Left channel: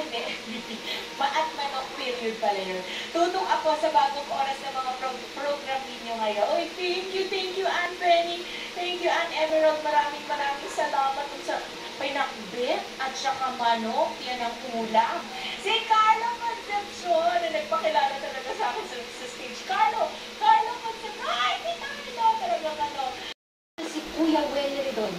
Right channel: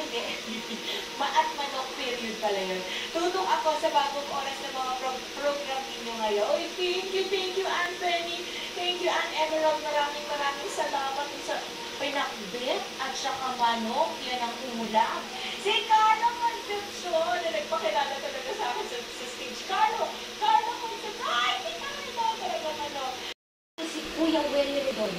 Ay, hindi. At manok period pala yun. Tutok ako sa bagong oras ng mga program ninyo ngayon. Oy, thank you, Ann Penny. Thank you, Ann Emerald. Maraming salamat sa pinakbit at saka manok. Yan ang ulam. Si Carlo Concepcion na nagpakilala talaga sa akin sa stage. Carlo Concepcion. Ay, si Carlo. Talagang ano. Si Kuya Welly doon.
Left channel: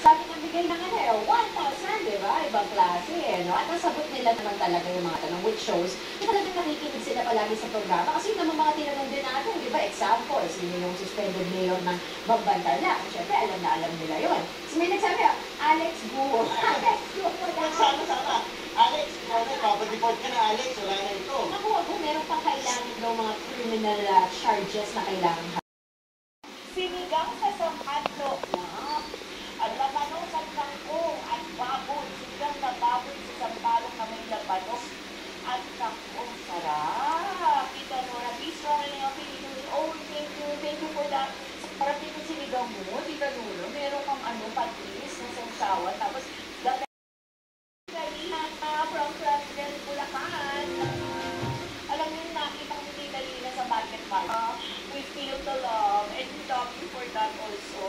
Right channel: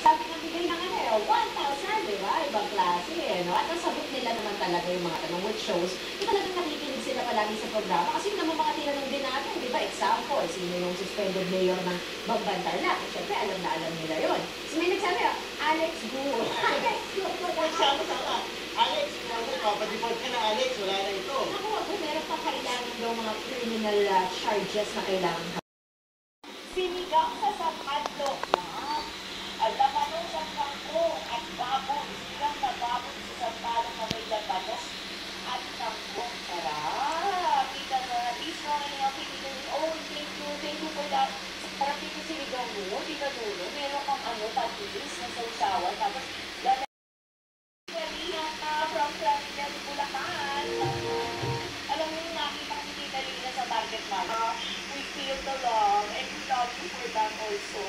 Sabi ng bigay ng 1,000, di ba? Ibang klase, no? At nasabot nila naman talaga yung mga tanong, which shows na talagang nakikinig sila palagi sa programa. Kasi naman mga tinanong din natin, di ba? Example, sino yung suspended mayor ng Bambantarlac? Siyempre, alam na alam nila yun. So may nagsabi, Alex Guo. Alex Guo. Sama. Alex, papadeport ka na, Alex. Wala na ito. Ako, meron pa kailangan daw mga criminal charges na kailangan. Sinigang sa sampalo na at lamanong sa kangkong at babon. Sinigang na babon sa sampalong na may lamanong at kangkong. Sarap! Tita Nora, please strong in helping me. Oh, thank you for that. Sarap dito sinigang mo, Tita Nora. Meron kang patis na sausawan. Tapos, Galina from Claribel, Bulacan. Alam niyo, nakita ko si Tita Lina sa market. We feel the love and we love you for that also.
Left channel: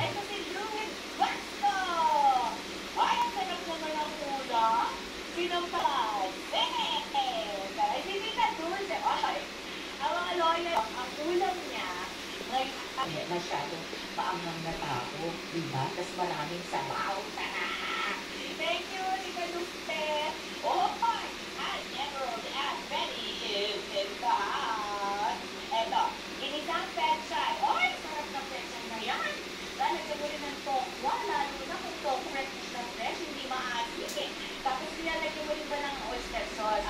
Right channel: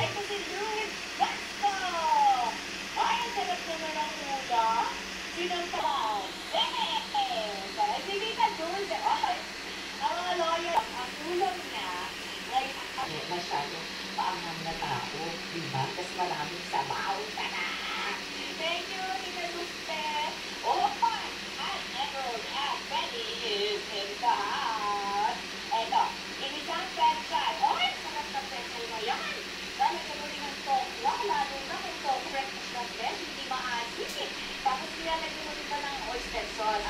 Ay, kasi Luis, basta! Ay, ang sarap naman ang ulam. Sinampaw. Ay, si Tita Luis, ay, ang mga lawyer, ang ulam niya, ay, masyado paanghang na tao, diba? Tapos maraming sabaw. Thank you, Tita Luis. Oh, fine. At Emerald at Benny is in the house. Eto, inisang penchay. Oy, sarap na penchay na yan. Lalagyan mo rin ng tokwa, lalo na kung tokwa na fresh, hindi maasin eh. Tapos nilalagyan mo rin ba ng oyster sauce,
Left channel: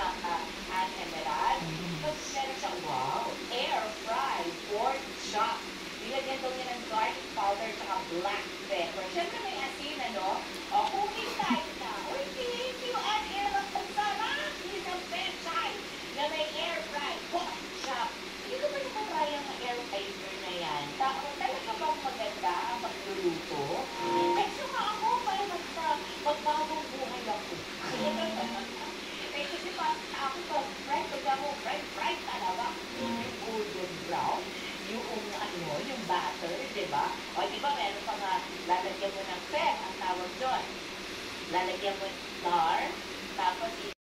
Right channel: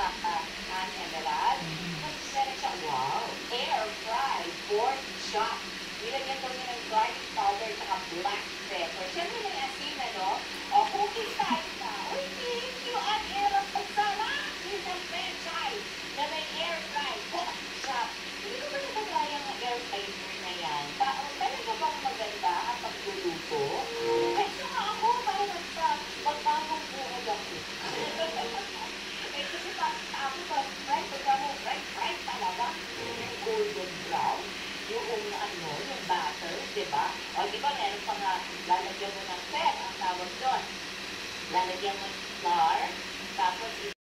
Ann Emerald? Tapos meron siya, wow, air fried pork chop. Nilagyan daw niya ng garlic powder at black pepper. Siyempre may asin, ano? O, cooking tayo na. Uy, thank you, Ann Emerald. Ang sarap! Isang penchay na may air fried pork chop. Hindi ko ba nakatry ang air fryer na yan? Talaga bang maganda ang pagluluto? Ay, saka ako, parang magbagong buhay ako. Eh, kasi parang ako pag-fried, fried talaga. Yung golden brown, yung yung butter, di ba? O, di ba, meron pa nga, lalagyan mo ng fat, ang tawag doon. Lalagyan mo ng flour, tapos